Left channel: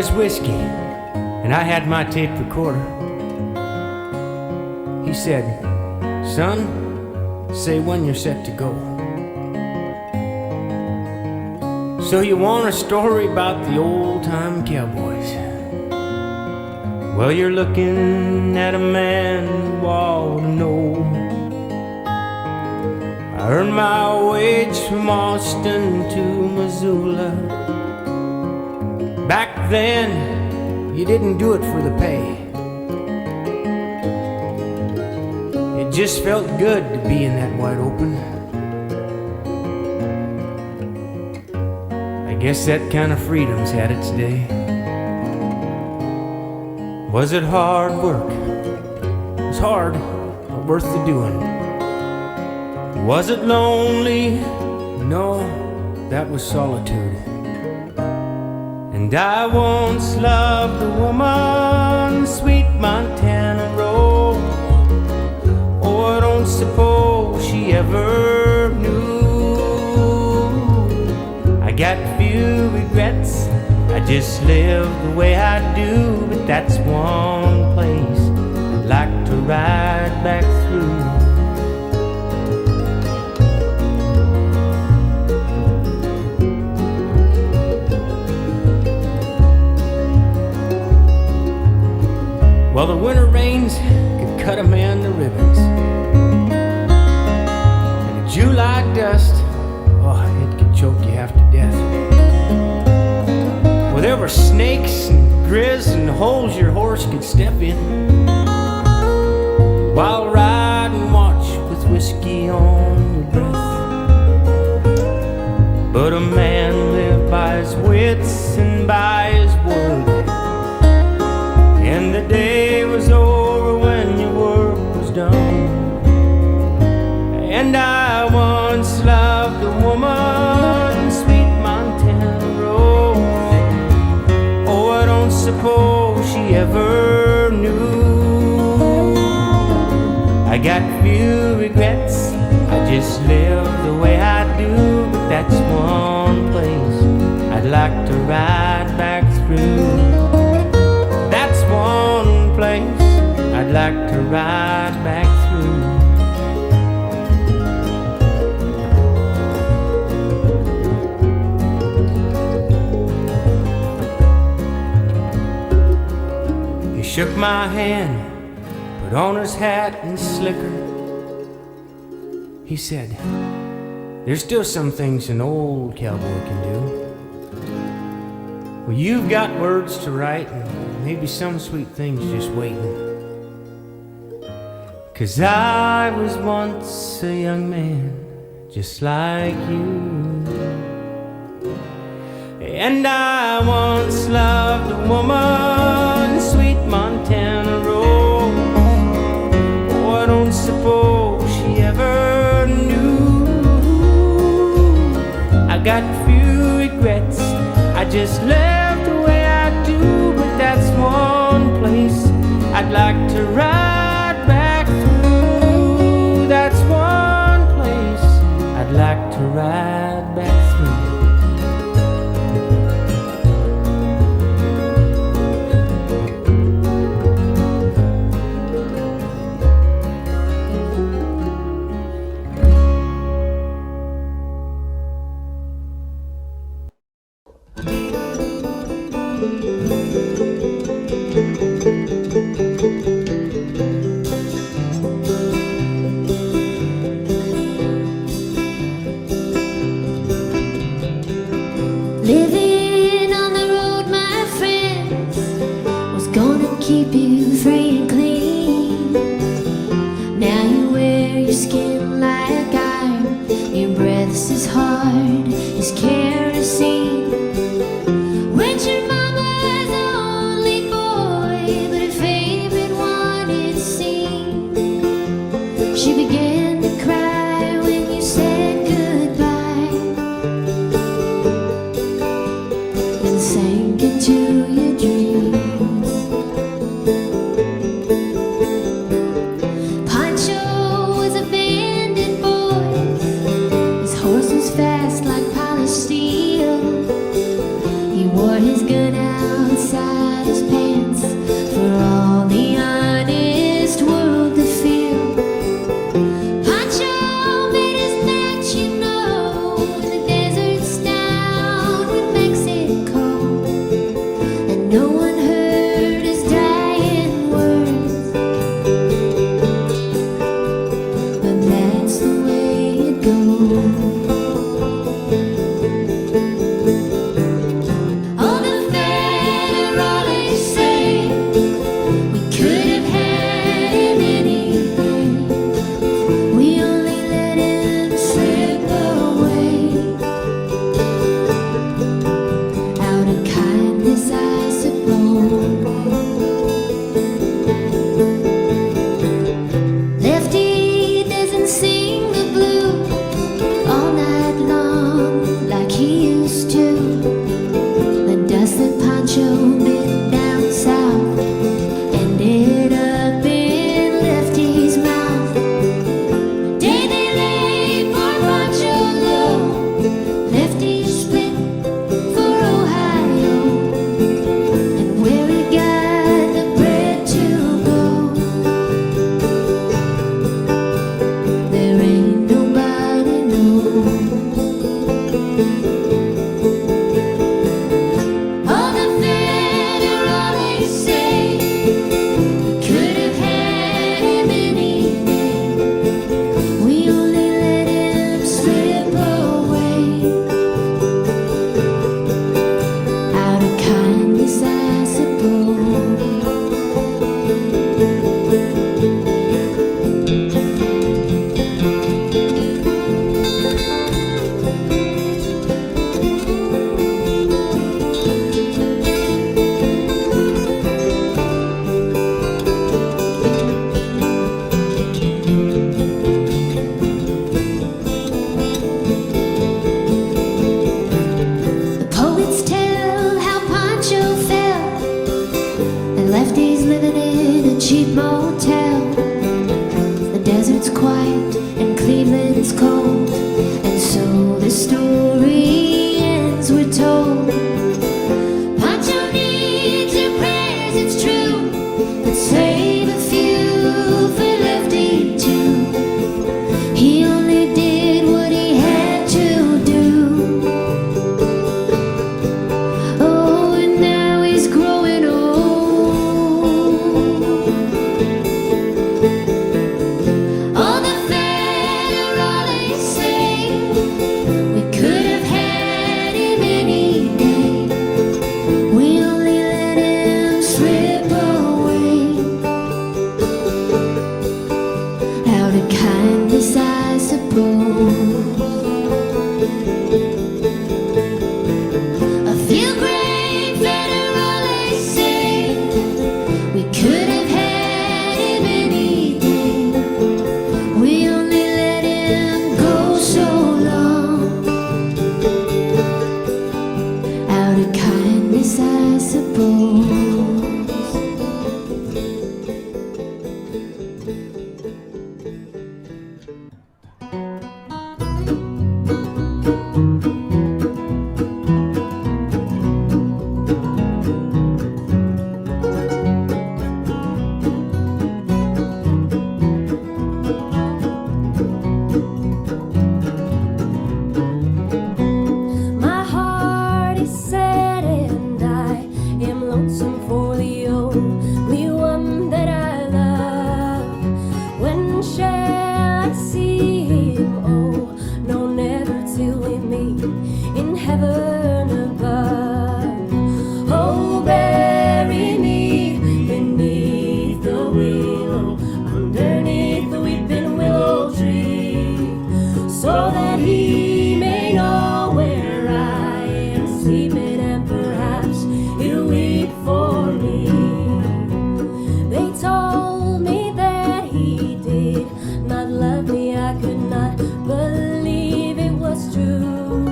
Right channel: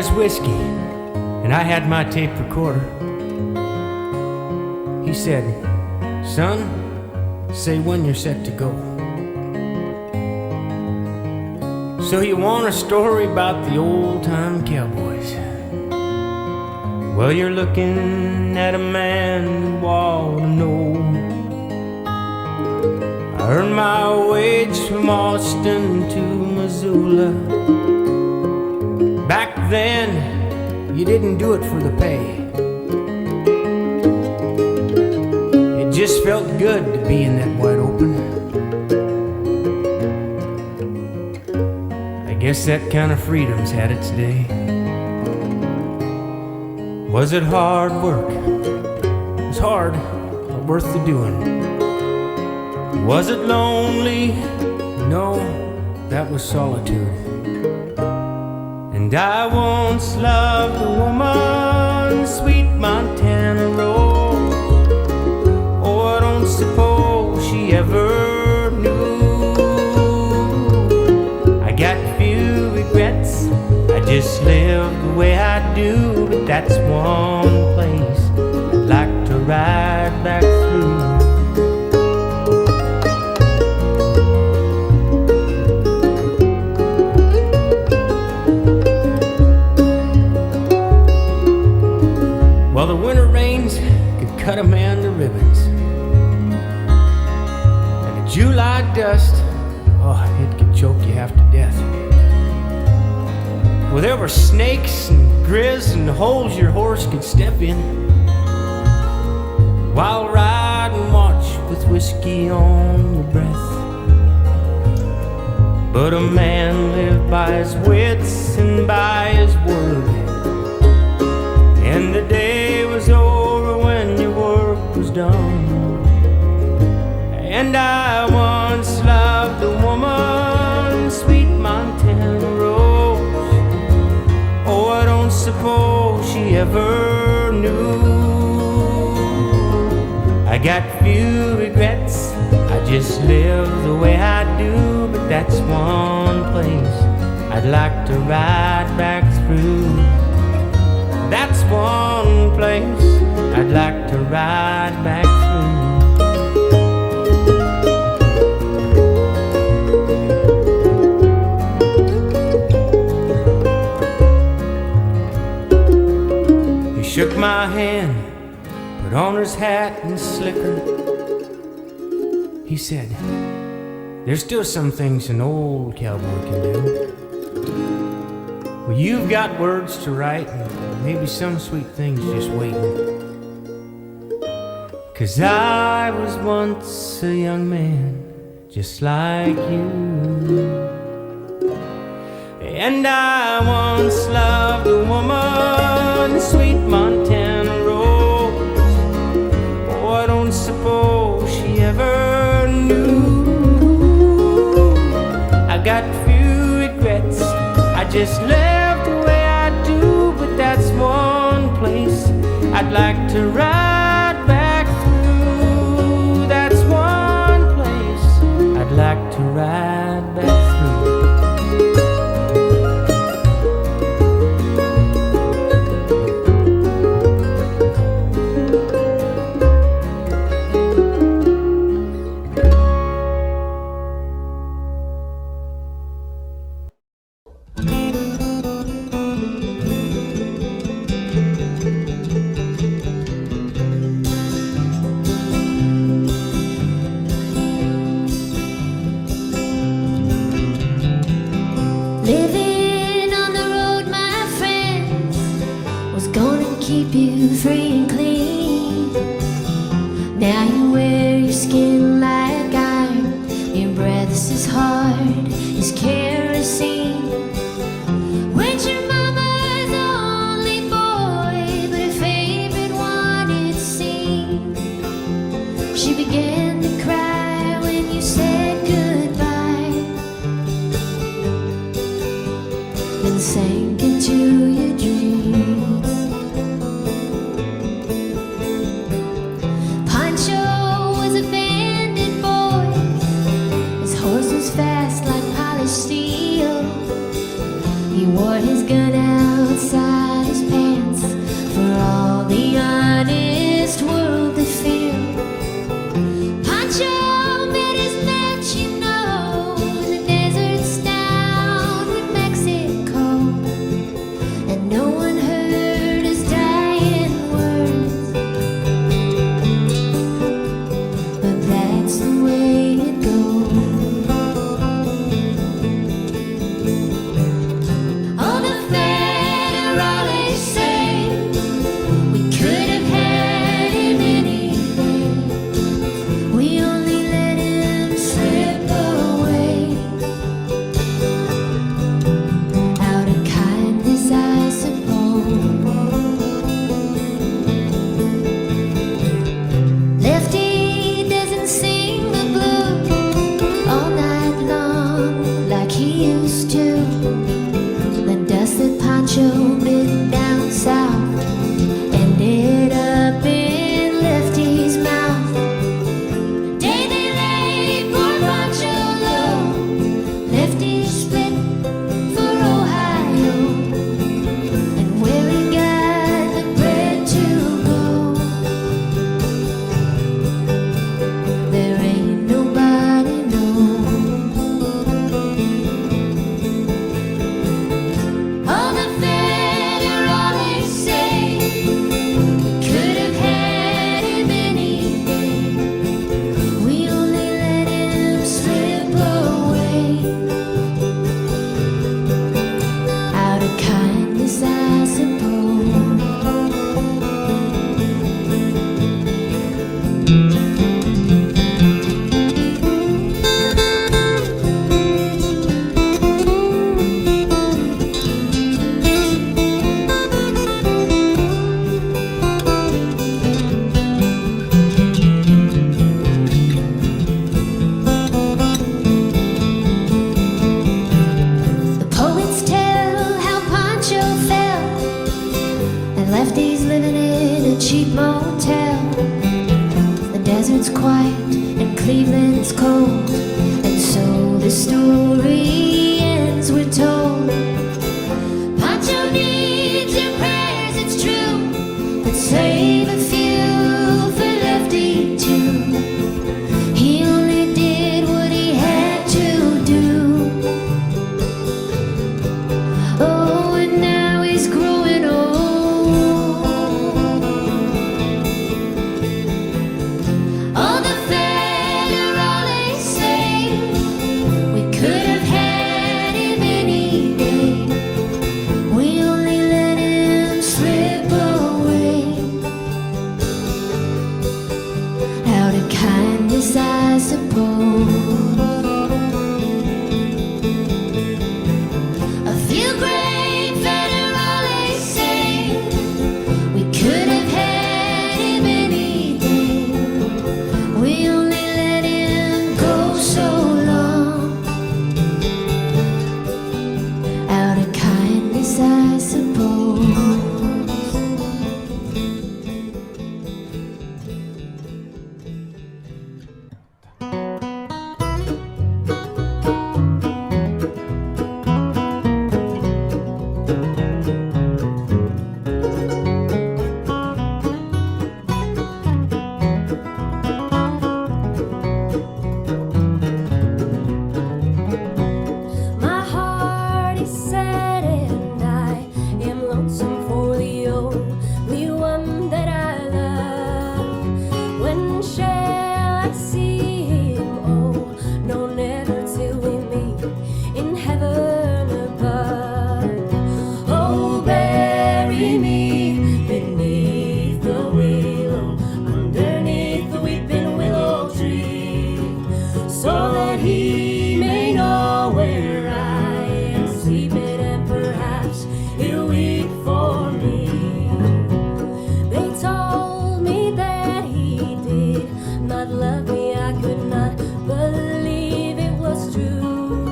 his whiskey, and I had my tape recorder. He said, "Son, say when you're set to go." So you want a story about the old-time cowboys? Well, you're looking at a man you ought to know. I earned my wage from Austin to Missoula. Back then, you didn't do it for the pay. It just felt good to be in that wide open. I guess that kind of freedom's had its day. Was it hard work? It was hard, but worth the doing. Was it lonely? No, that was solitude. And I once loved a woman, sweet Montana rose. Oh, I don't suppose she ever knew. I got few regrets, I just live the way I do. But that's one place I'd like to ride back through. Well, the winter rains could cut a man to ribbons, and the July dust, oh, it could choke you half to death. Well, there were snakes and grizz and holes your horse could step in, while ride and watch with whiskey on your breath. But a man lived by his wits and by his word, and the day was over when your work was done. And I once loved a woman, sweet Montana rose. Oh, I don't suppose she ever knew. I got few regrets, I just live the way I do. But that's one place I'd like to ride back through. That's one place I'd like to ride back through. He shook my hand, put on his hat and slicker. He said, "There's still some things an old cowboy can do. Well, you've got words to write and maybe some sweet things just waiting. 'Cause I was once a young man just like you, and I once loved a woman, sweet Montana rose. Oh, I don't suppose she ever knew. I got few regrets, I just live the way I do. But that's one place I'd like to ride back through. That's one place I'd like to ride back through. Living on the road, my friends, was gonna keep you free and clean. Now you wear your skin like iron, your breath's as hard as kerosene. Went your mama's only boy, but her favorite one it seemed. She began to cry when you said goodbye, then sank into your dreams. Pancho was a bandit boy, his horse was fast like polished steel. Lefty's living in a cheap motel. The desert's quiet and Cleveland's cold, and so the story ends, we're told. Pancho needs your prayers, it's true, but save a few for Lefty too. He only did what he had to do. Oh, and now he's growing old. All the federales say we could have had him any day. We only let him slip away. Out of kindness, I suppose. A few great federales say we could have had him any day. We only let him go so long. Out of kindness, I suppose. My heart is sad and I am lonesome for the only one that I love. When shall I see him? Oh, no, never till we meet in heaven above. Oh, bury me beneath the willow, underneath the weeping willow tree, so that he may know where I am sleeping, and perhaps he'll weep for me. They told me that he did not love me. I could not believe it was true,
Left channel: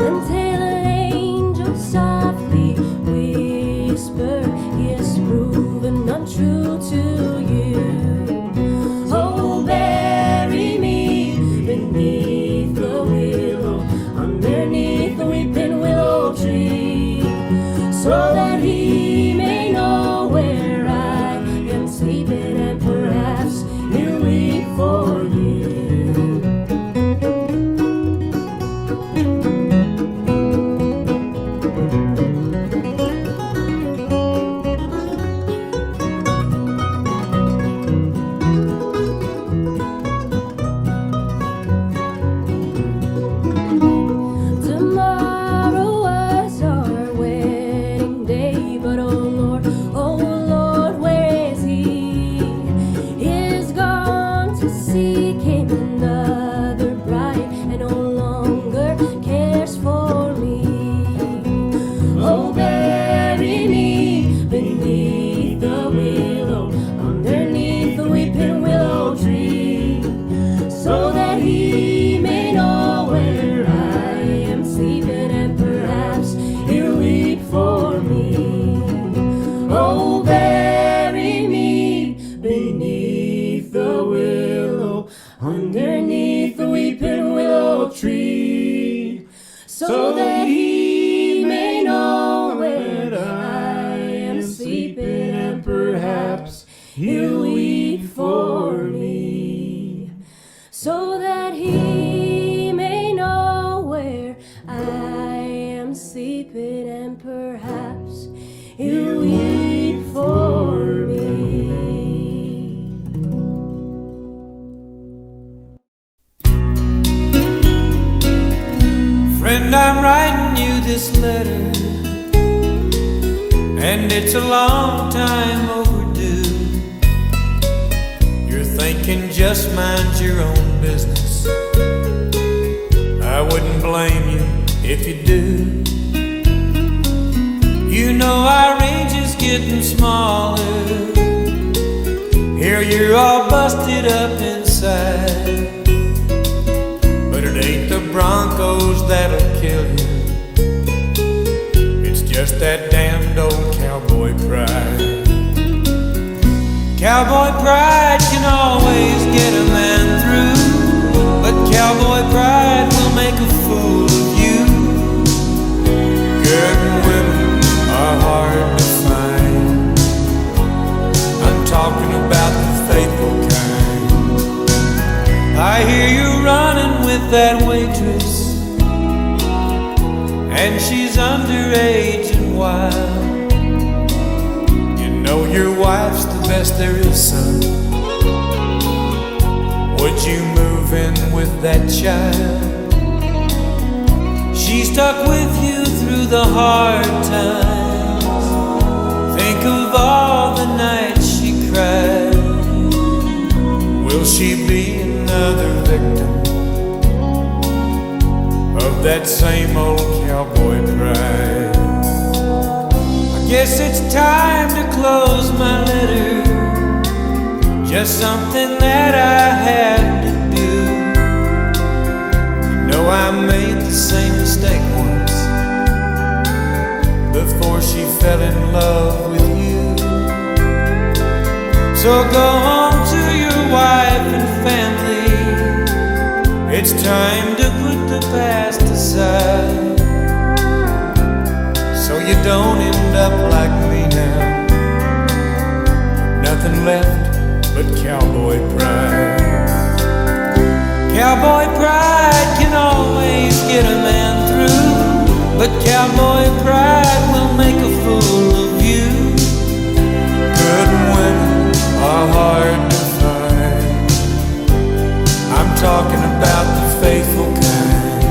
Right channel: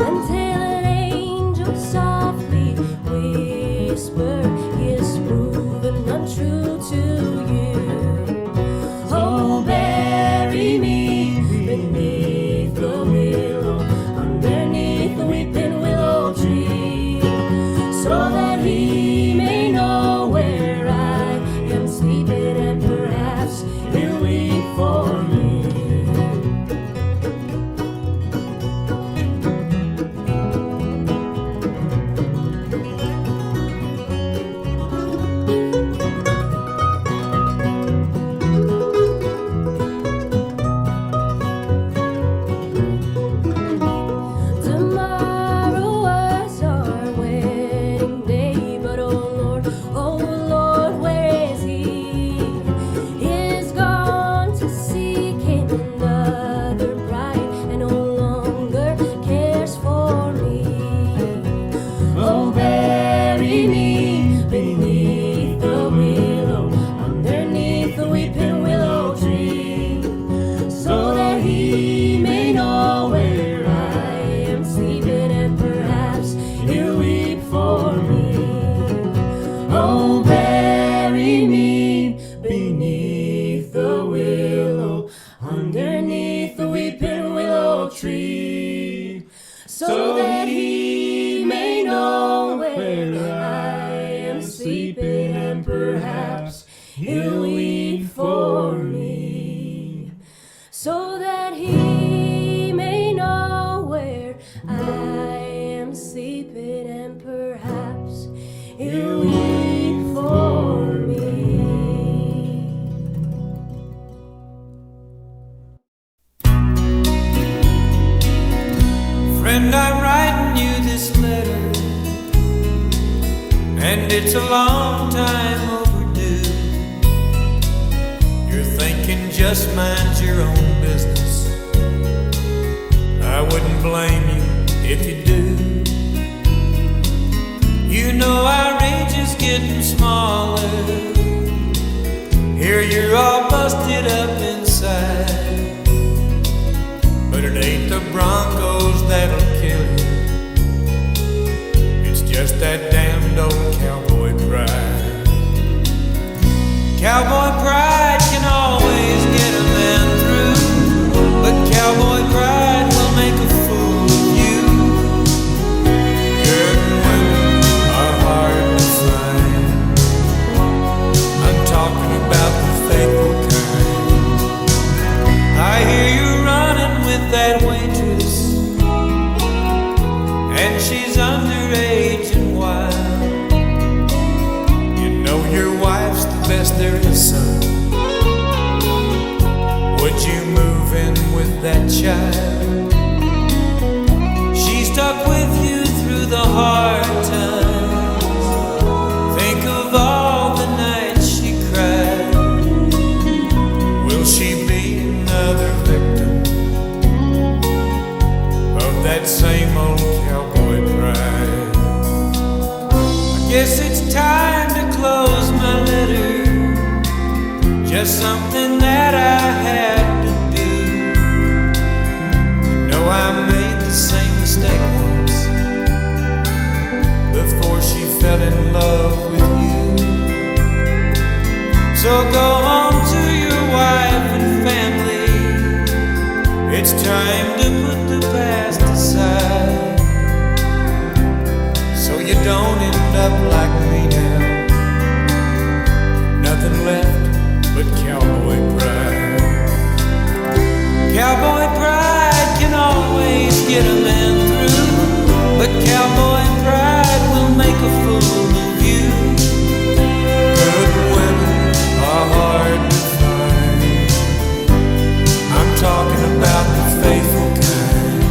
until an angel softly whispered, he is proven untrue to you. Oh, bury me beneath the willow, underneath the weeping willow tree, so that he may know where I am sleeping, and perhaps he'll weep for me. Tomorrow was our wedding day, but oh Lord, where is he? He is gone to seek him another bride, and no longer cares for me. Oh, bury me beneath the willow, underneath the weeping willow tree, so that he may know where I am sleeping, and perhaps he'll weep for me. Oh, bury me beneath the willow, underneath the weeping willow tree, so that he may know where I am sleeping, and perhaps he'll weep for me. So that he may know where I am sleeping, and perhaps he'll weep for me. Friend, I'm writing you this letter, and it's a long time overdue. You're thinking just mind your own business. I wouldn't blame you if you do. You know our range is getting smaller. Here you're all busted up inside, but it ain't the Broncos that'll kill you. It's just that damned old cowboy pride. Cowboy pride can always get a man through, but cowboy pride will make a fool of you. Good women are hard to find. I'm talking about the faithful kind. I hear you running with that waitress, and she's underage and wild. You know your wife's the best there is, son. Would you move in with that child? She stuck with you through the hard times. Think of all the nights she cried. Will she be another victim of that same old cowboy pride? I guess it's time to close my letter. Just something that I had to do. You know I made the same mistake once before she fell in love with you. So go home to your wife and family. It's time to put the past aside, so you don't end up like me now. Nothing left but cowboy pride. Cowboy pride can always get a man through, but cowboy pride will make a fool of you. Good women are hard to find. I'm talking about the faithful kind.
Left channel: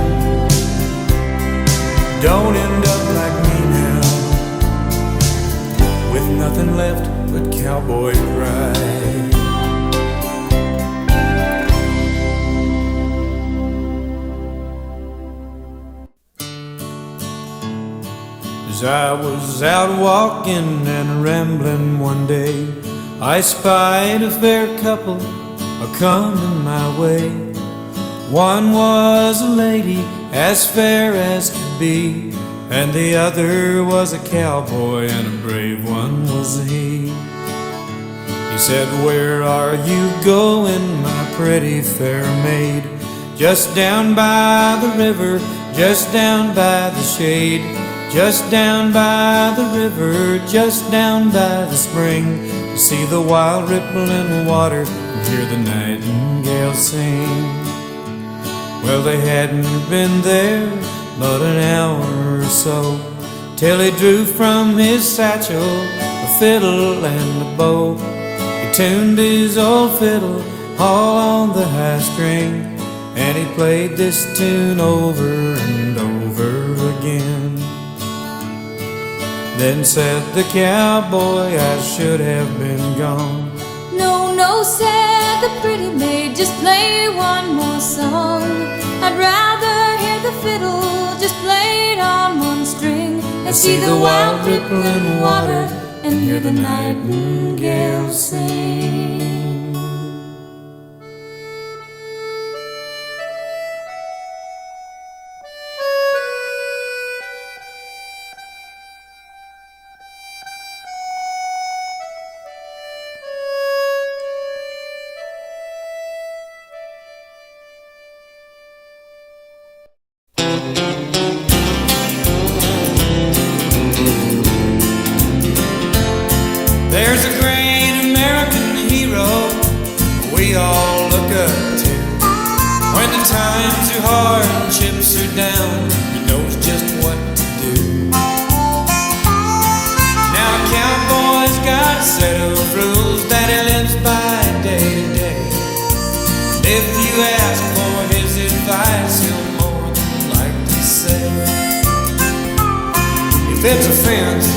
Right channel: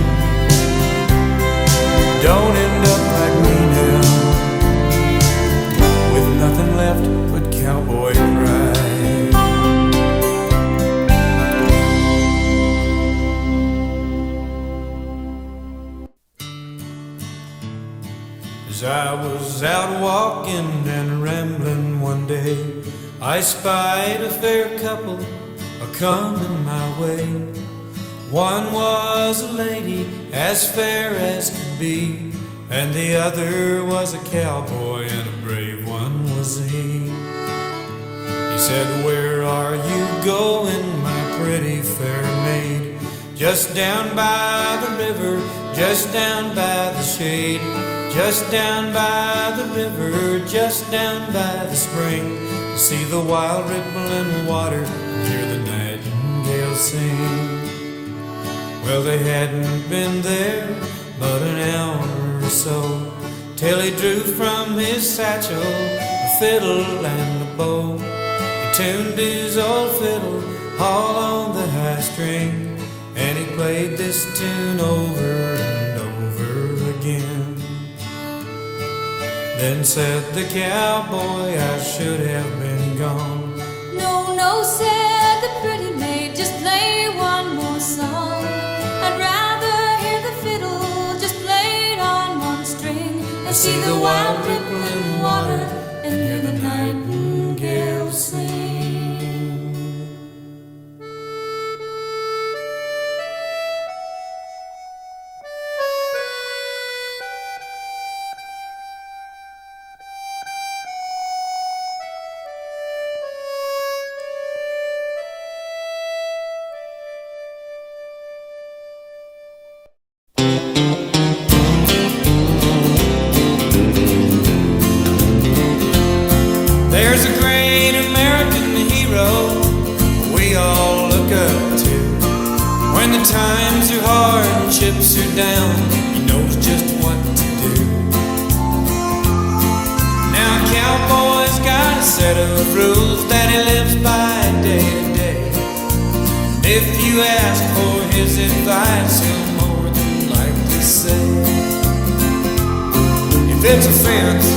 Don't end up like me now, with nothing left but cowboy pride. As I was out walking and rambling one day, I spied a fair couple a-comin' my way. One was a lady as fair as could be, and the other was a cowboy, and a brave one was he. He said, "Where are you going, my pretty fair maid?" "Just down by the river, just down by the shade, just down by the river, just down by the spring, to see the wild rippling water and hear the nightingale sing." Well, they hadn't been there but an hour or so, till he drew from his satchel a fiddle and a bow. He tuned his old fiddle all on the high string, and he played this tune over and over again. Then said the cowboy, "I should have been gone." "No, no," said the pretty maid, "just play one more song. I'd rather hear the fiddle just played on one string, and see the wild rippling water and hear the nightingale sing." There's a great American hero we all look up to. When the times are hard and chips are down, he knows just what to do. Now a cowboy's got a set of rules that he lives by day to day. And if you ask for his advice, he'll more than likely say, "If it's a fence,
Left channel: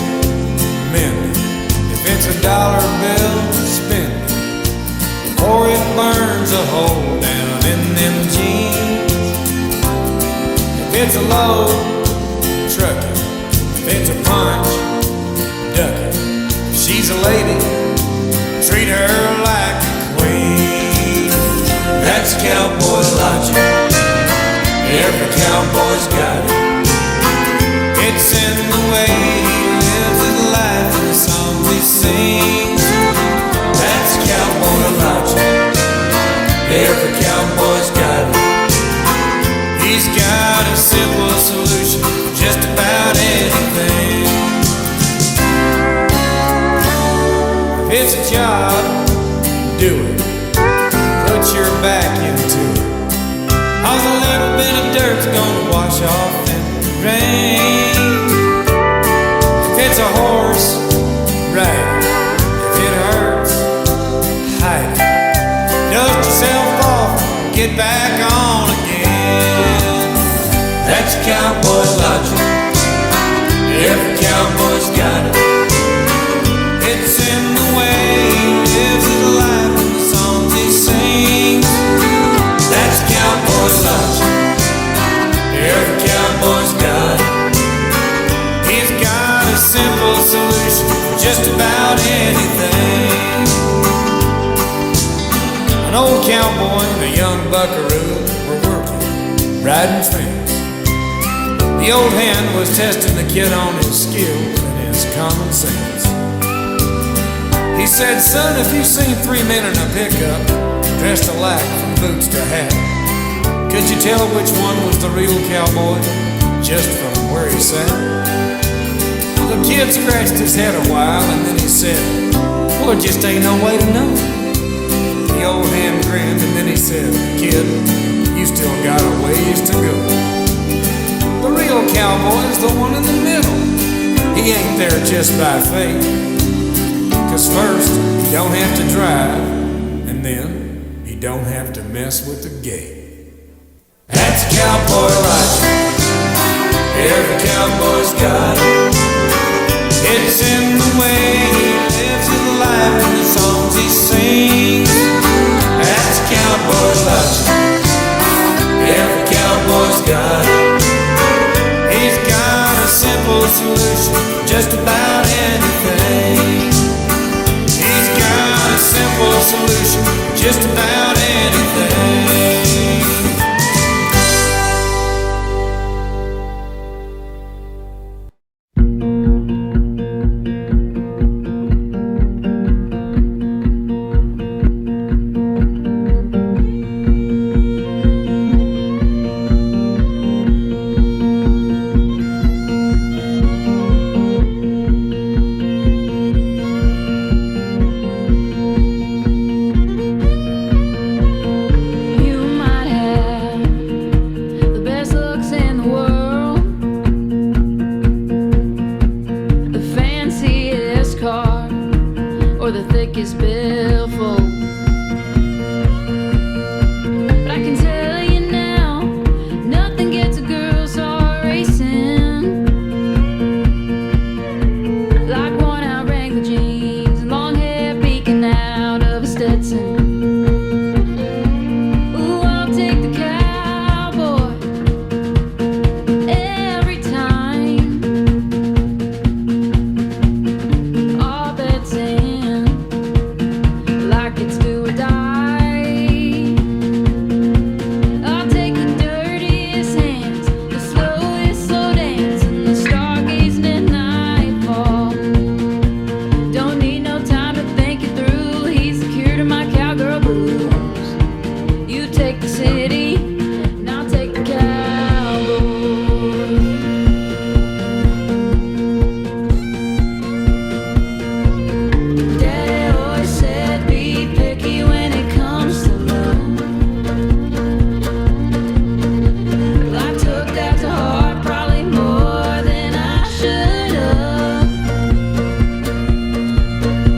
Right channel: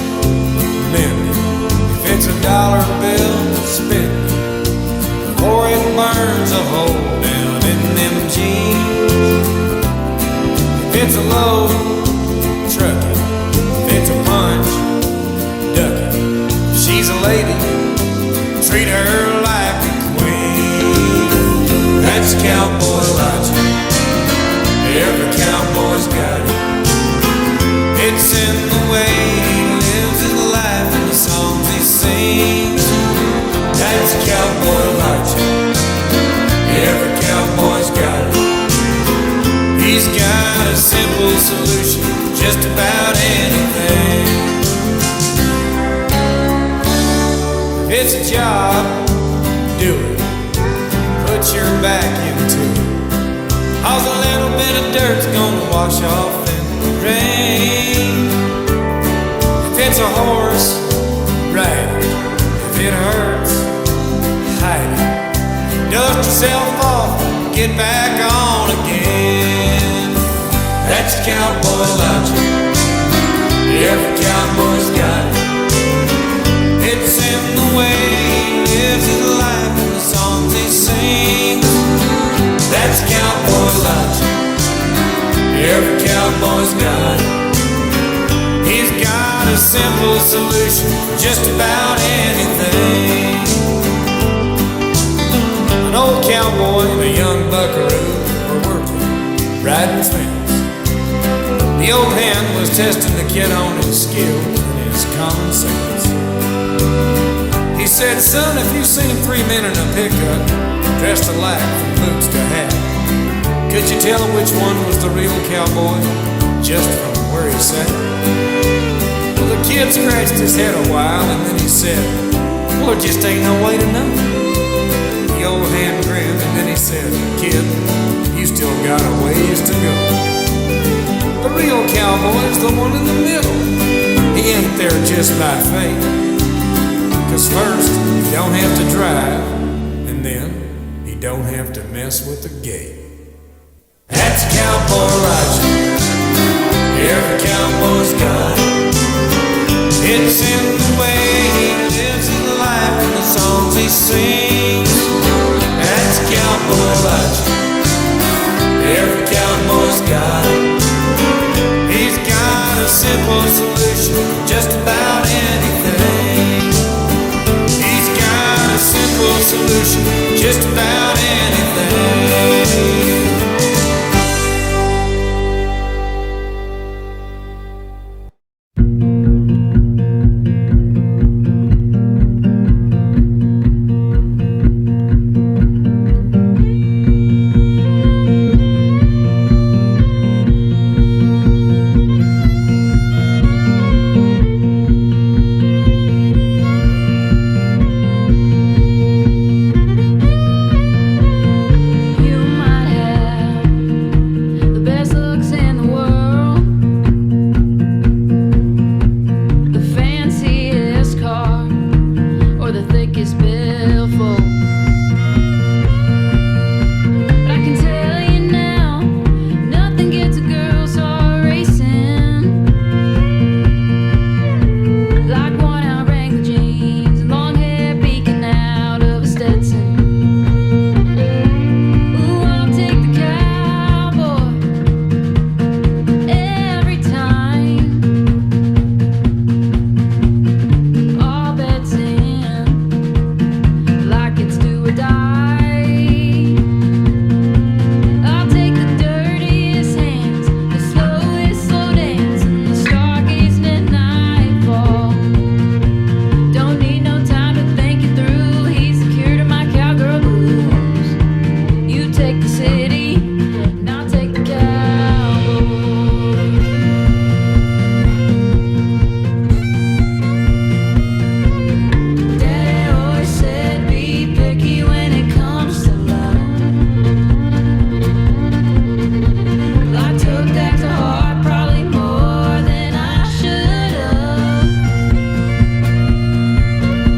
mend it. If it's a dollar bill, spend it before it burns a hole down in them jeans. If it's a load, truck it. If it's a punch, duck it. If she's a lady, treat her like a queen." That's cowboy logic. Every cowboy's got it. It's in the way he lives his life and the songs he sings. That That's Cowboy Elijah. Every cowboy's got it. He's got a simple solution for just about anything. If it's a job, do it. Put your back into it. 'Cause a little bit of dirt's gonna wash off in the rain. If it's a horse, ride it. If it hurts, hide it. Dust yourself off, get back on again. That's Cowboy Elijah. Every cowboy's got it. It's in the way he lives his life and the songs he sings. That's Cowboy Elijah. Every cowboy's got it. He's got a simple solution for just about anything. An old cowboy and a young buckaroo were working, riding fence. The old hand was testing the kid on his skills and his common sense. He said, "Son, if you seen three men in a pickup, dressed alike from boots to hat, could you tell which one was the real cowboy just from where he sat?" Well, the kid scratched his head a while and then he said, "Well, there just ain't no way to know." The old hand grinned and then he said, "Kid, you still got a ways to go. The real cowboy's the one in the middle. He ain't there just by fate. 'Cause first, he don't have to drive, and then he don't have to mess with the gate." That's Cowboy Elijah. Every cowboy's got it. It's in the way he lives his life and the songs he sings. That's Cowboy Elijah. Every cowboy's got it. He's got a simple solution for just about anything. He's got a simple solution for just about anything. In the world, the fanciest car, or the thickest billfold. But I can tell you now, nothing gets a girl's heart racing like worn-out Wrangler jeans and long hair peeking out of a Stetson. Ooh, I'll take the cowboy time. All bets in, like it's do or die. I'll take the dirtiest hands, the slowest slow dance, and the stargazing at nightfall. Don't need no time to think it through. He's the cure to my cowgirl blues. You take the city, and I'll take the cowboy. Said be picky when it comes to love. Well, I took that to heart, probably more than I should have.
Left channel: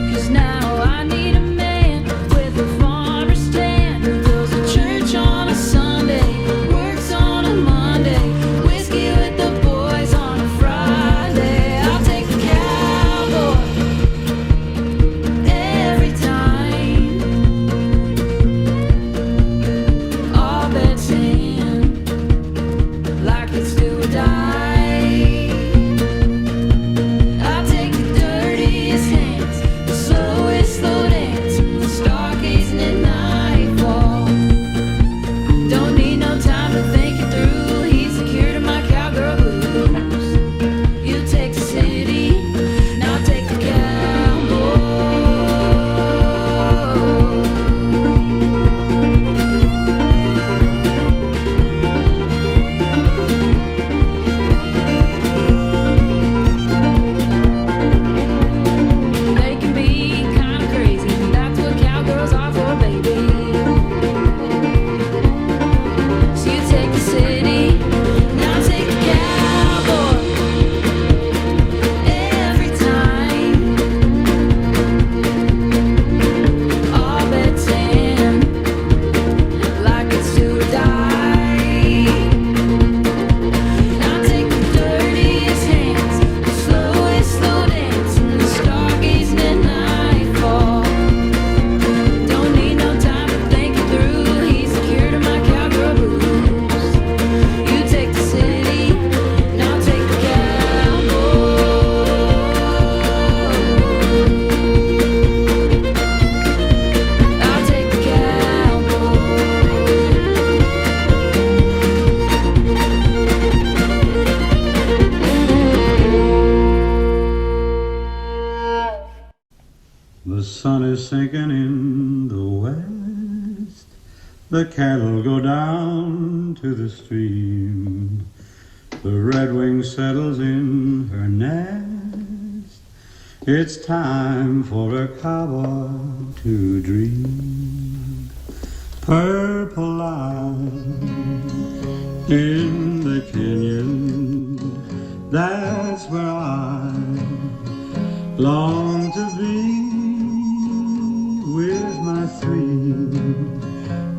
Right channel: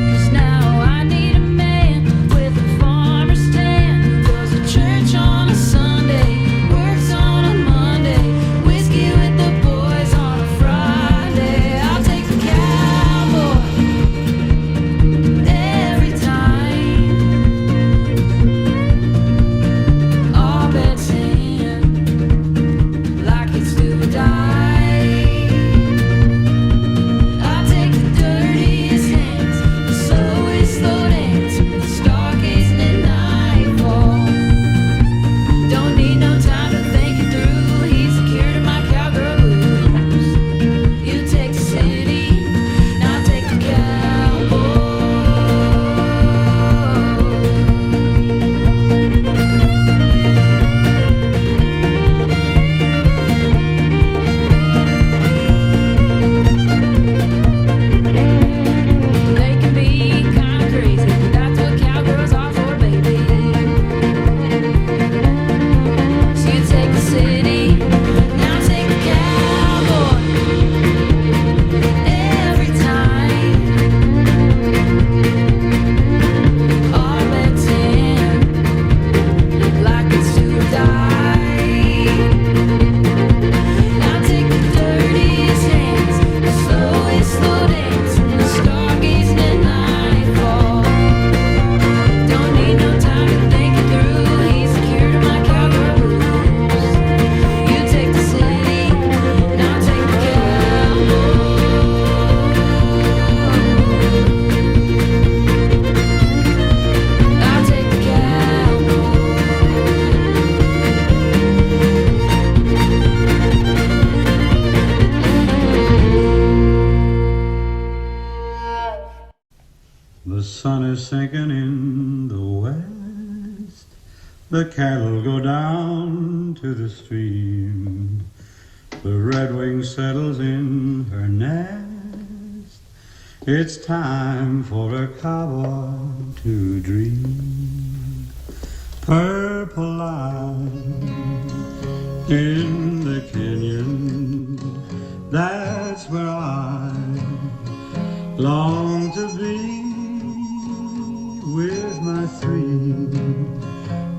'Cause now I need a man with a farmer's tan who goes to church on a Sunday. sun is sinking in the west. The cattle go down to the stream. The redwing settles in her nest. It's time for a cowboy to dream. Purple light in the canyon, that's where I long to be, with my three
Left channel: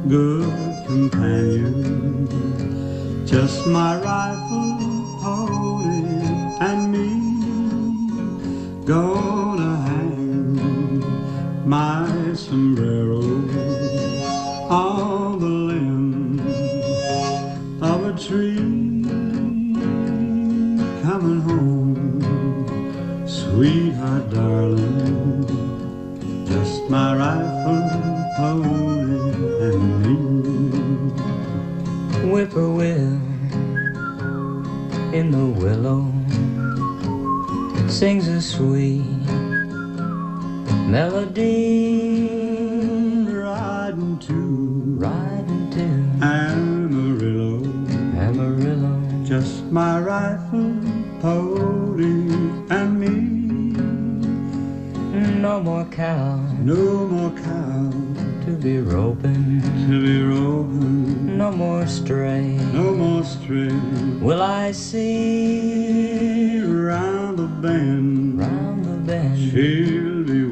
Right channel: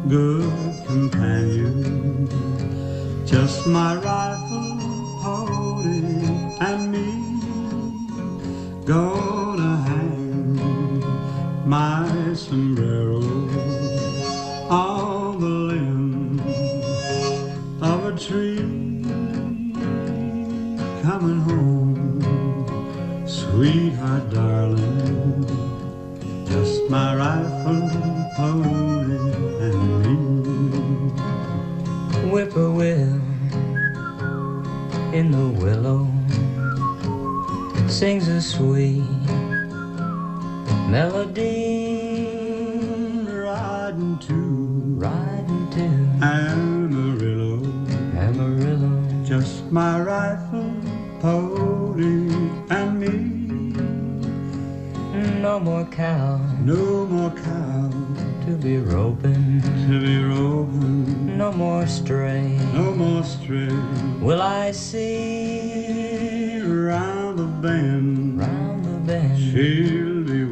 good companions, just my rifle, pony, and me. Gonna hang my sombrero on the limb of a tree. Coming home, sweetheart darling, just my rifle, pony, and me. Whippoorwill in the willow sings a sweet melody. Riding to Amarillo, Amarillo. just my rifle, pony, and me. No more cow No more cow to be roping, no more stray no more stray. will I see Round the bend, round the bend. she'll be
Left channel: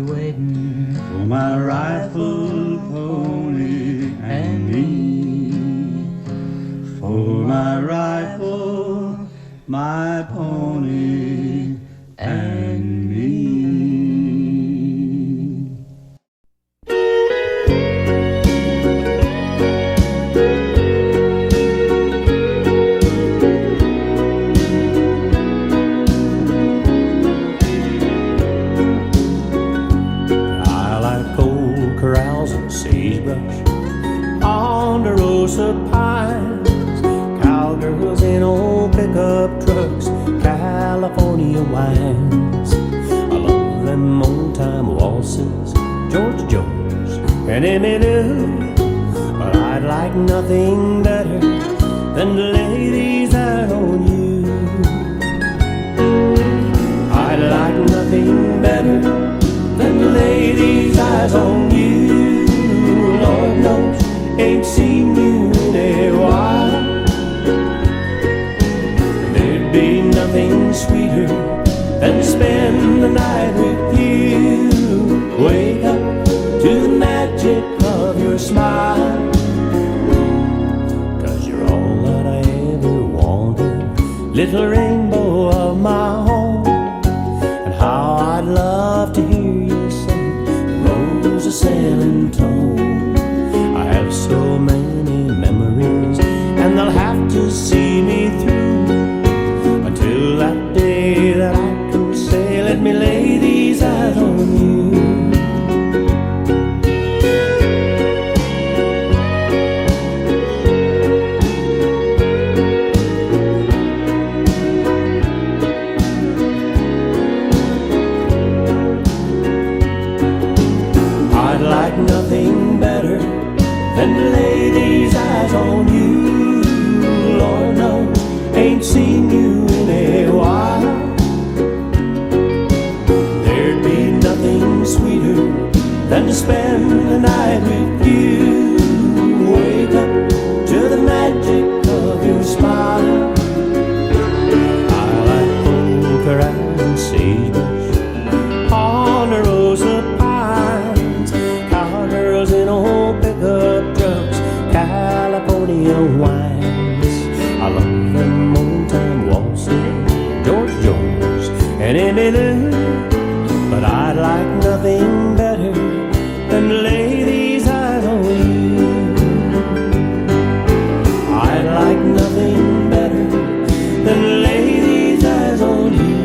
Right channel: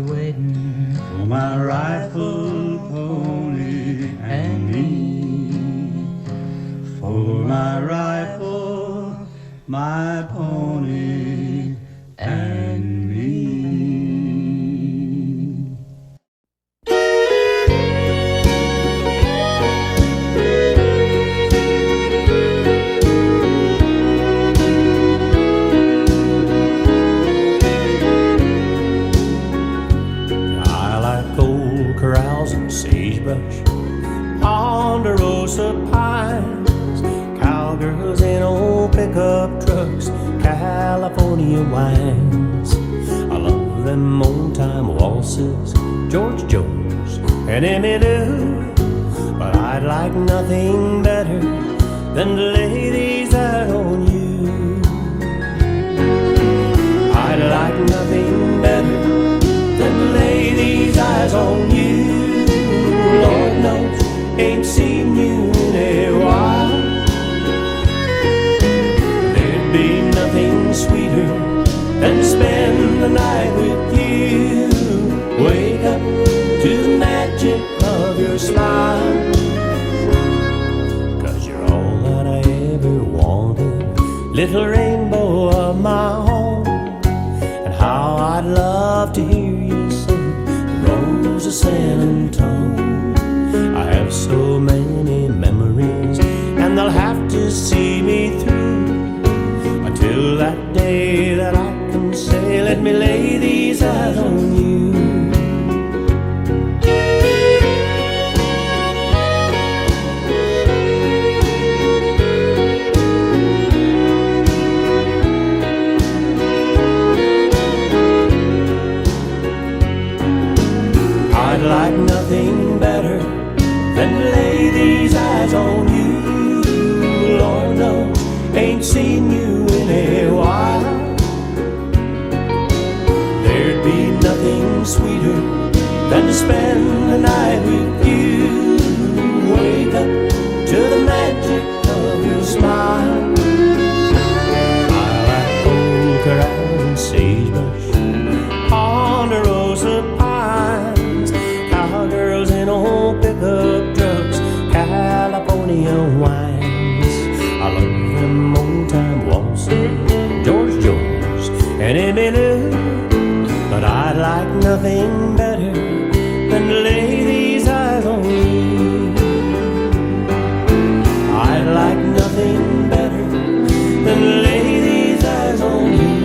waiting For my rifle, pony, and me. For my rifle, my pony, and me. I like old corrals and sagebrush, ponderosa pines, cowgirls in old pickup trucks, California wines. I love them old-time waltzes, George Jones and Emmylou, but I'd like nothing better than to lay these out on you. I'd like nothing better than to lay these eyes on you. Lord knows, ain't seen you in a while. And there'd be nothing sweeter than to spend the night with you. Wake up to the magic of your smile, 'cause you're all that I ever wanted, little rainbow of my own. And how I'd love to hear you sing the Rose of San Antone. I have so many memories, and they'll have to see me through until that day that I can say, let me lay these eyes on you. I'd like nothing better than to lay these eyes on you. Lord knows, ain't seen you in a while. There'd be nothing sweeter than to spend the night with you. Wake up to the magic of your smile. I like old corrals and sagebrush, ponderosa pines, cowgirls in old pickup trucks, California wines. I love them old-time waltzes, George Jones and Emmylou, but I'd like nothing better than to lay these eyes on you. I'd like nothing better than to lay these eyes on you.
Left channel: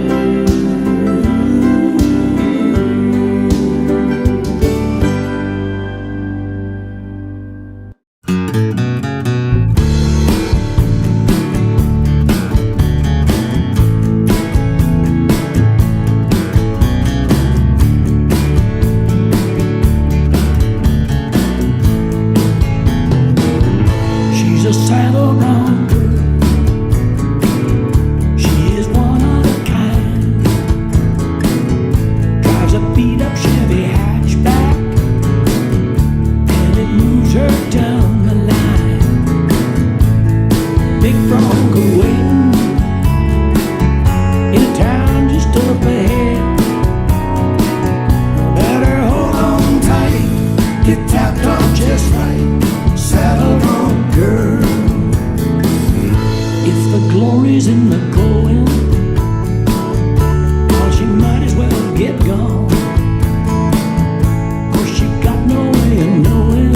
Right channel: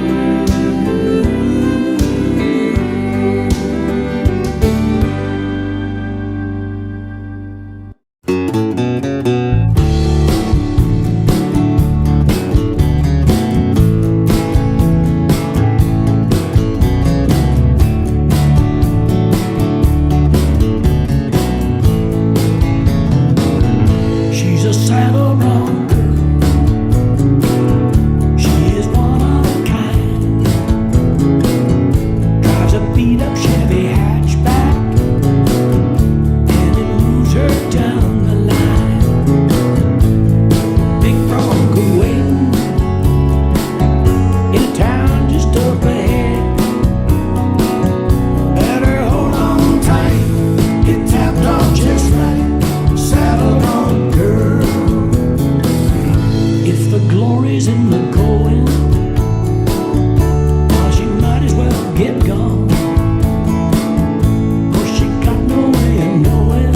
she's in the going, well, she might as well get gone. 'Cause she got no way of knowing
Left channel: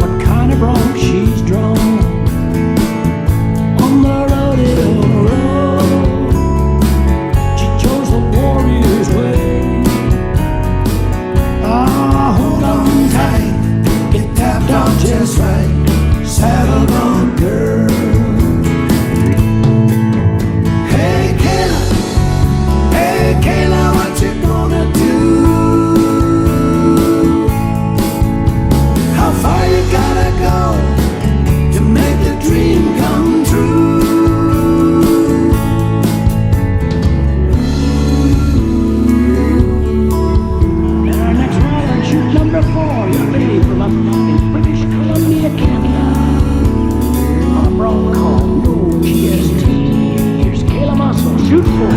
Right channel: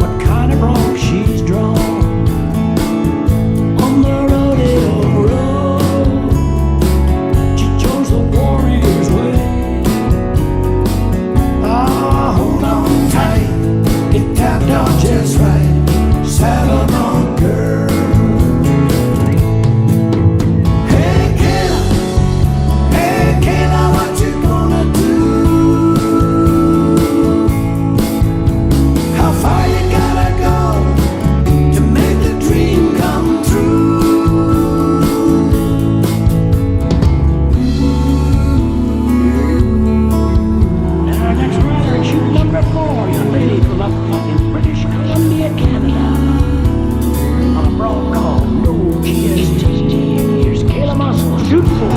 what kind of bronc she's drawn on the rodeo road. She chose the warrior's way. Ah, hold on tight, get tapped out just right, saddle on girl. Hey Kayla, what you gonna do? How far you gotta go to make the dream come true? And our next rider in chute number 4, young lady from up in British Columbia, Canada, on a bronc called No GST. Here's Kayla Muscle, chute 4.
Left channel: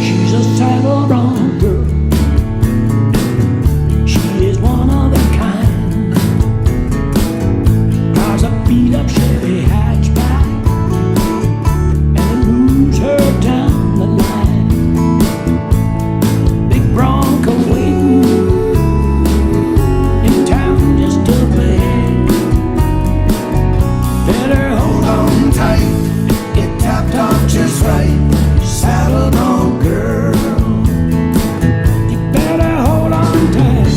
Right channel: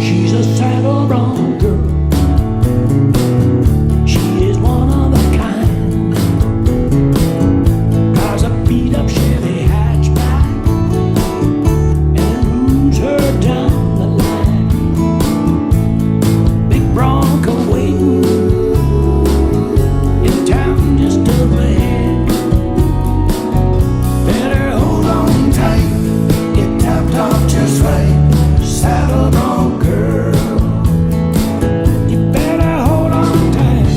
She's a saddle bronc girl. She is one of a kind. Drives a beat-up Chevy hatchback and it moves her down the line. Big Bronco waiting in town just up ahead. Better hold on tight, get tapped on just right, saddle bronc girl. You better hold on tight,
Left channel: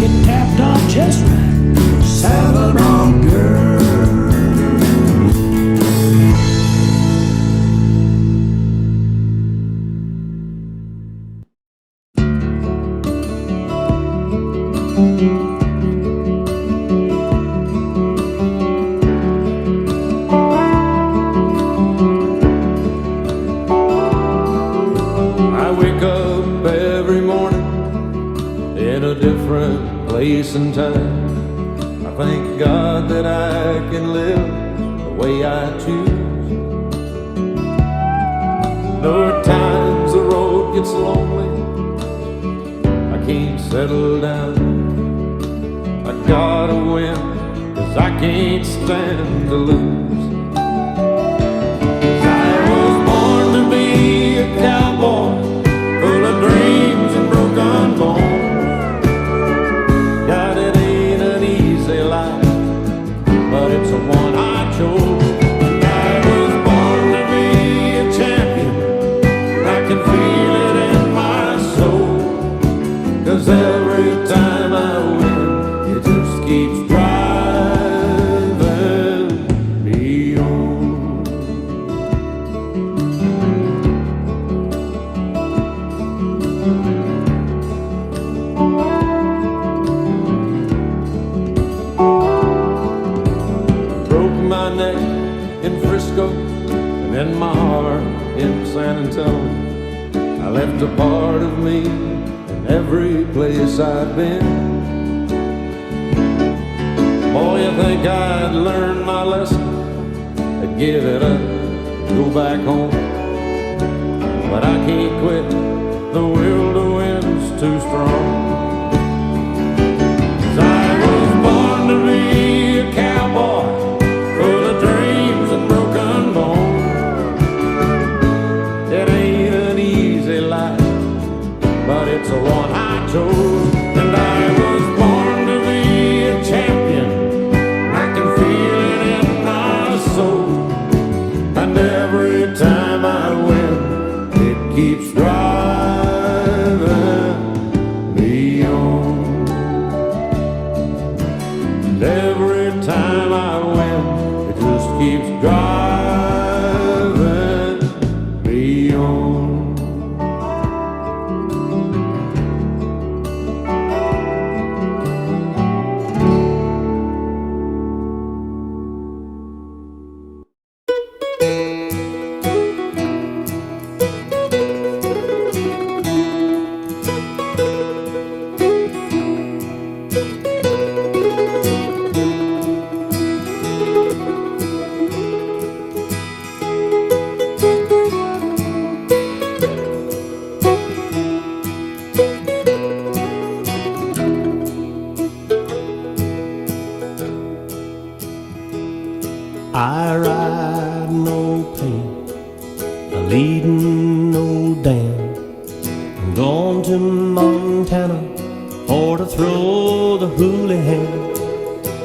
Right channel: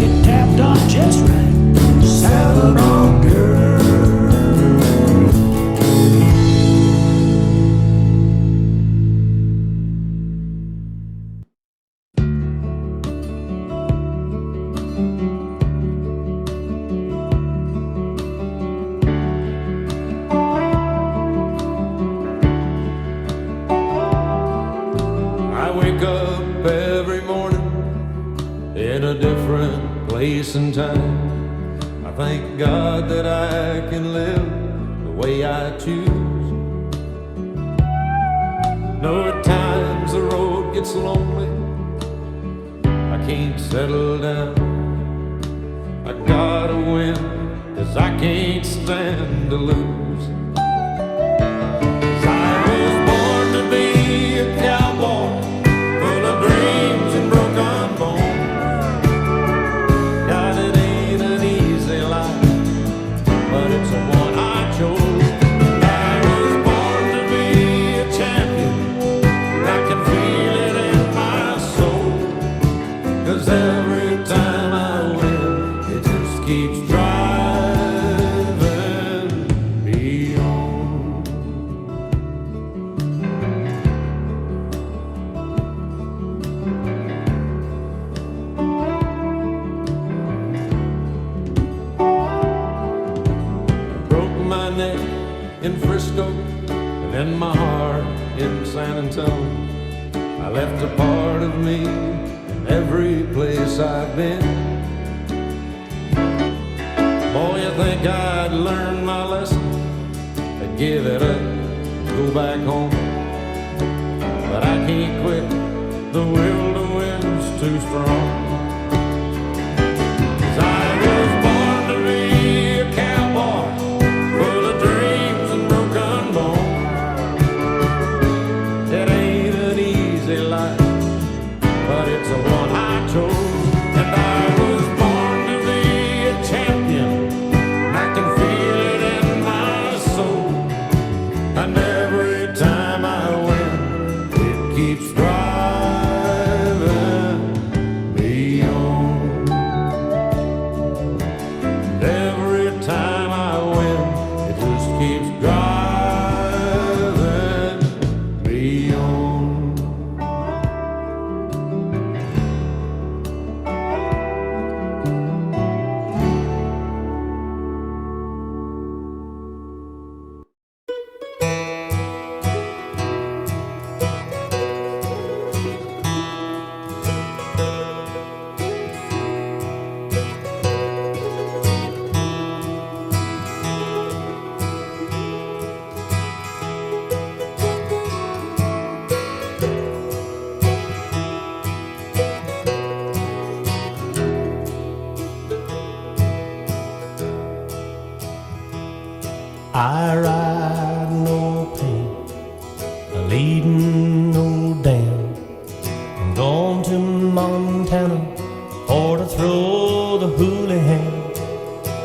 get tapped on just right, saddle bronc girl. I wake up every morning in a different place and time. I thank God that I can live the way I choose. Though at times the road gets lonely, I can't settle down. I gotta win, 'cause I can't stand to lose. 'Cause I was born to be a cowboy, full of dreams and broken bones. God, it ain't an easy life, but it's the one I chose. And I was born to be a champion, I can feel it in my soul. 'Cause every time I win, it just keeps driving me on. Broke my neck in Frisco and then my heart in San Antonio. I left a part of me in every place I've been. Boy, you think I'd learn my lesson, I'd give it up, go back home. But I can't quit, the will to win's too strong. 'Cause I was born to be a cowboy, full of dreams and broken bones. It ain't an easy life, but it's the one I chose. And I was born to be a champion, I can feel it in my soul. And every time I win, it keeps driving me on. And every time I win, it just keeps driving me on. I ride no pain, a leading no dam. I'm going to Montana for to throw the houlihan.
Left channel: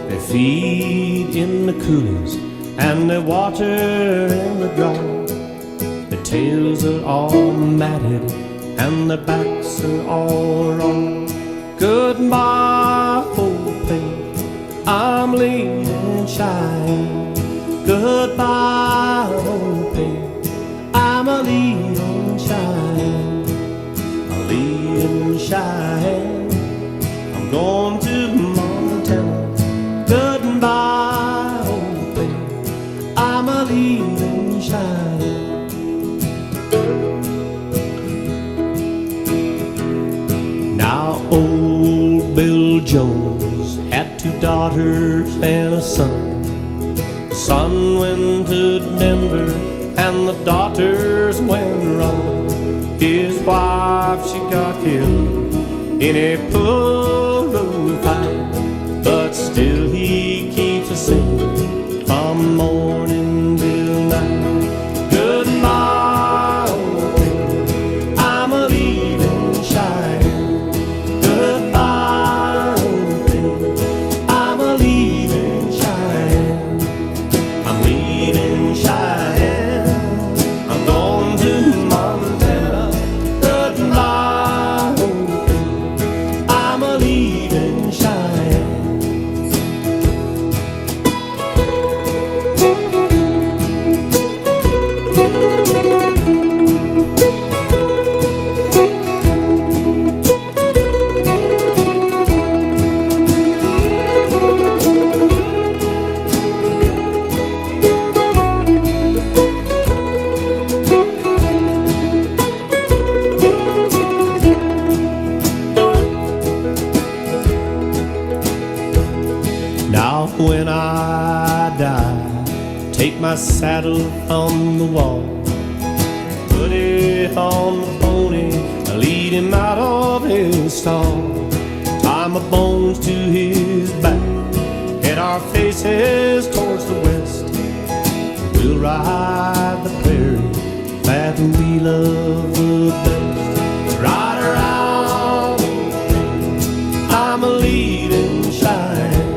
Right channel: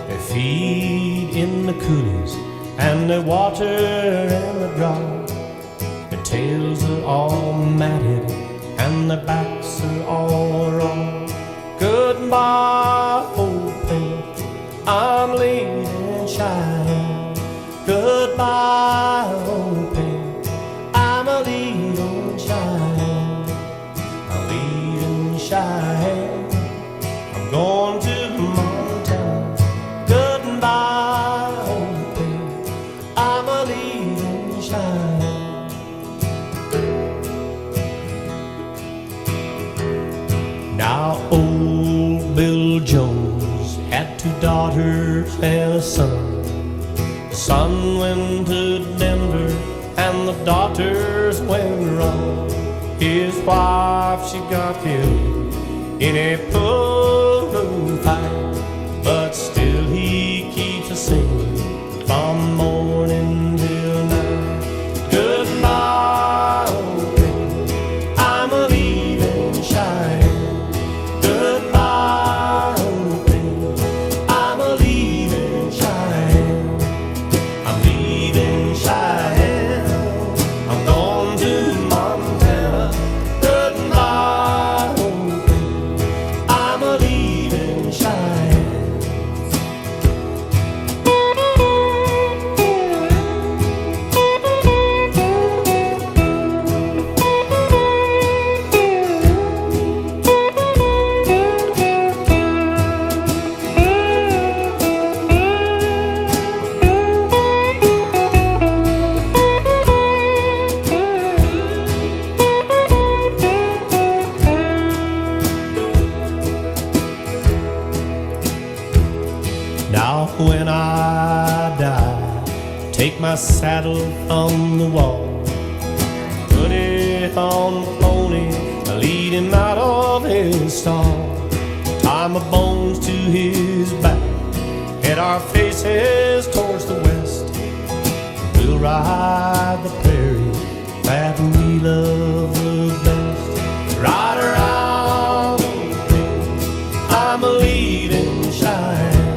They feed in the coulees and they water in the draw. Their tails are all matted and their backs are all raw. Goodbye, old pain, I'm leaving Cheyenne. Goodbye, old pain, I'm a leaving Cheyenne. I'm leaving Cheyenne, I'm going to Montana. Goodbye, old pain, I'm a leaving Cheyenne. Now old Bill Jones had 2 daughters and a son. The son went to Denver and the daughters went wrong. His wife, she got killed in a pool room fight, but still he keeps a singing from morning till night. Goodbye, old pain, I'm a leaving Cheyenne. Goodbye, old pain, I'm a leaving Cheyenne. I'm leaving Cheyenne, I'm going to Montana. Goodbye, old pain, I'm a leaving Cheyenne. Now when I die, take my saddle from the wall, put it on the pony, lead him out of his stall, tie my bones to his back, head our faces towards the west. We'll ride the prairie that we love the best. Ride around, old pain, I'm a leading Cheyenne.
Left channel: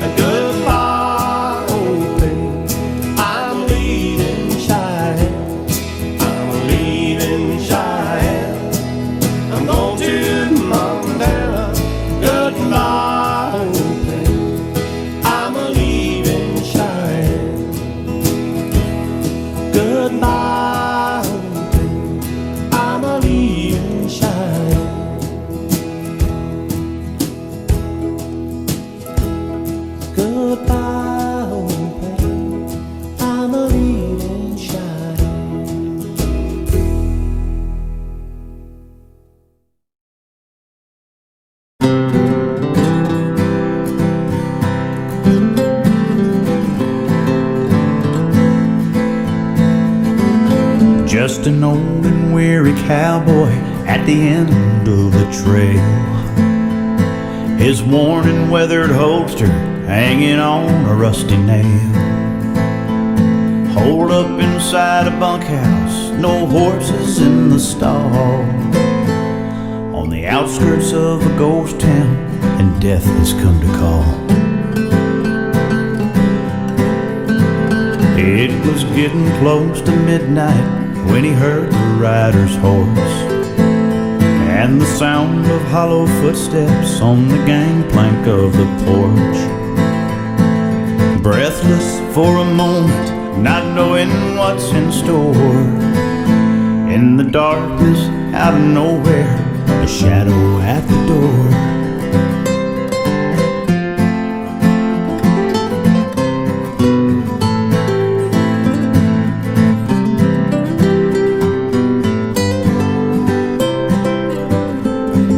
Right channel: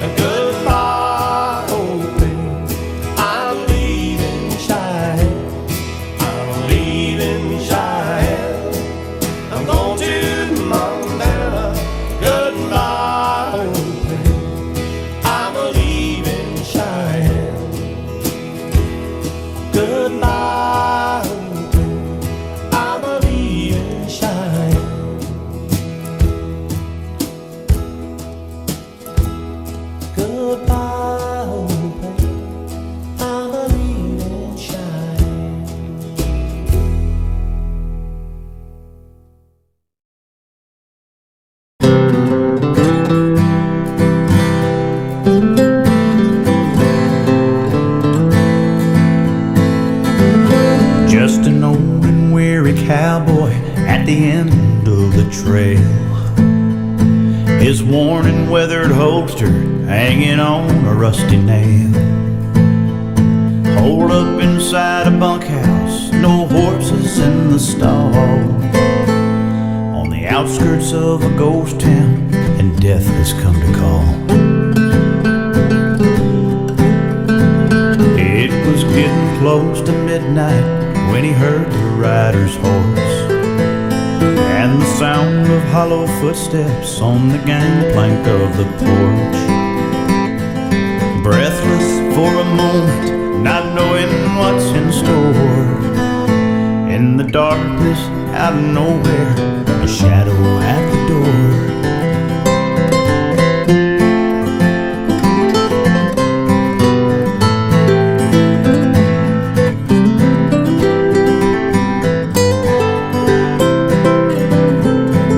And goodbye, old pain, I'm leaving Cheyenne. I'm leaving Cheyenne, I'm going to Montana. Goodbye, old pain, I'm a leaving Cheyenne. Goodbye, old pain, I'm a leaving Cheyenne. Goodbye, old pain, I'm a leaving Cheyenne. Just an old and weary cowboy at the end of the trail, his worn and weathered holster hanging on a rusty nail. Holed up inside a bunkhouse, no horses in the stall, on the outskirts of a ghost town, and death has come to call. It was getting close to midnight when he heard the rider's horse and the sound of hollow footsteps on the gangplank of the porch. Breathless for a moment, not knowing what's in store, in the darkness out of nowhere, a shadow at the door.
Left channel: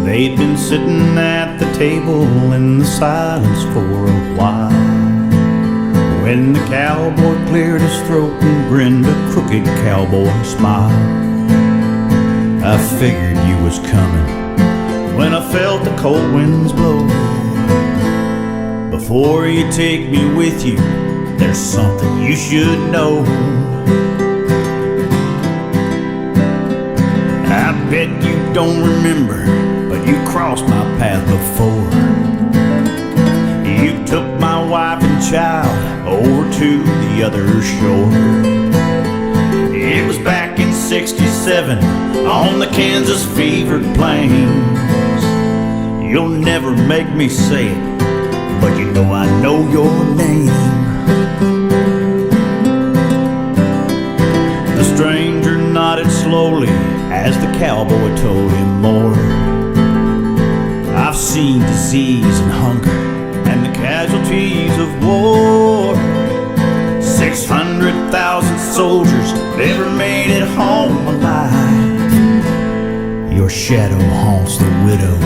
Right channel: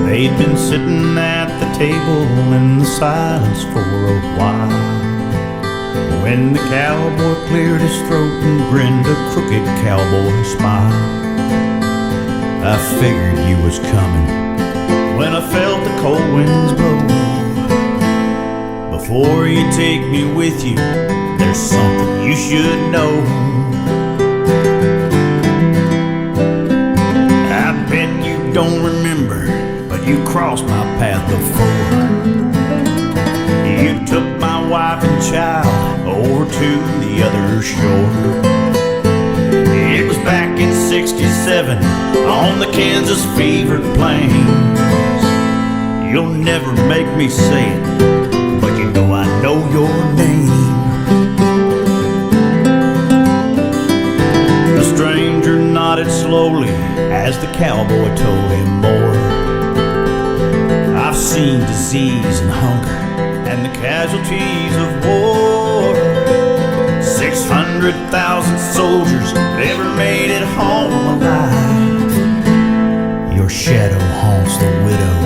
They'd been sitting at the table in the silence for a while, when the cowboy cleared his throat and grinned a crooked cowboy smile. I figured you was coming when I felt the cold winds blow. Before you take me with you, there's something you should know. I bet you don't remember, but you crossed my path before. You took my wife and child over to the other shore. It was back in '67 on the Kansas fevered plains. You'll never make me say it, but you know I know your name. The stranger nodded slowly as the cowboy told him more. I've seen disease and hunger and the casualties of war. 600,000 soldiers never made it home alive. Your shadow haunts the widow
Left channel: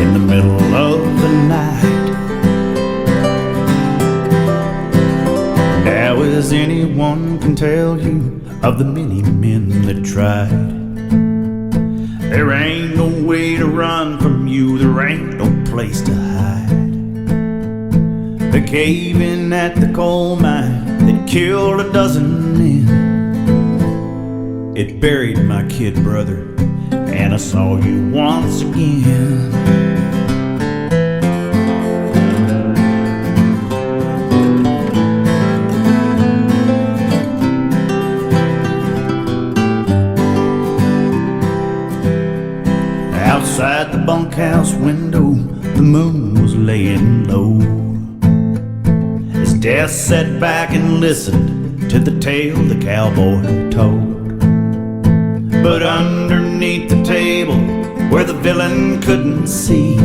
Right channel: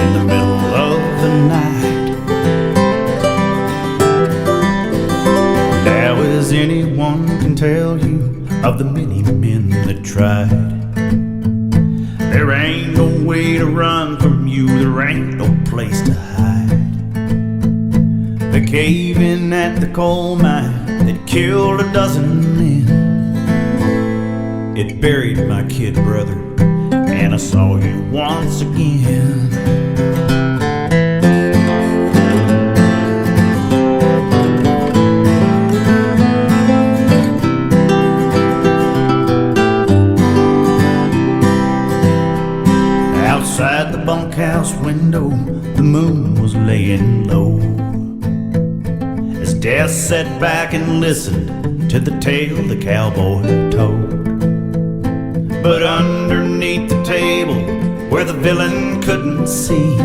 in the middle of the night. Now as anyone can tell you of the many men that tried, there ain't no way to run from you, there ain't no place to hide. The cave-in at the coal mine that killed a dozen men, it buried my kid brother, and I saw you once again. Outside the bunkhouse window, the moon was laying low, as Death sat back and listened to the tale the cowboy told. But underneath the table, where the villain couldn't see,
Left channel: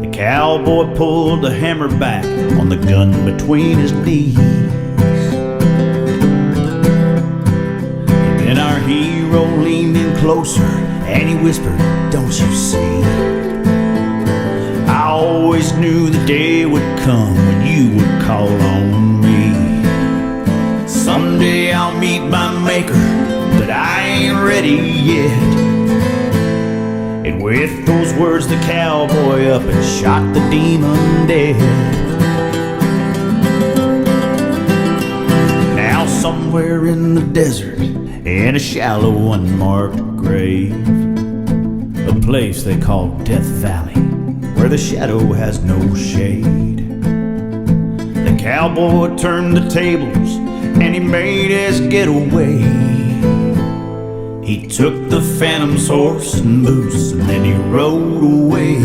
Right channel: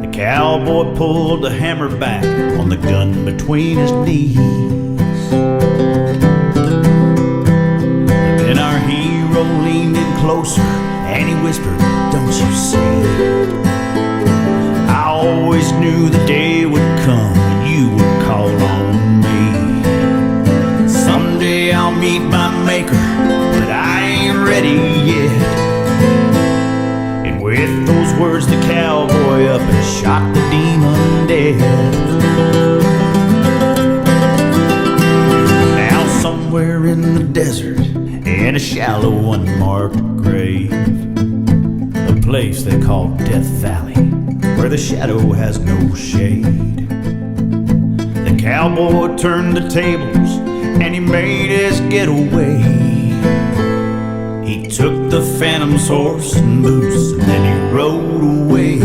the cowboy pulled the hammer back on the gun between his knees. Then our hero leaned in closer and he whispered, "Don't you see? I always knew the day would come when you would call on me. Someday I'll meet my maker, but I ain't ready yet." And with those words the cowboy up and shot the demon dead. Now somewhere in the desert, in a shallow unmarked grave, a place they call Death Valley, where the shadow has no shade, the cowboy turned the tables and he made his getaway. He took the Phantom's horse and boots and then he rode away.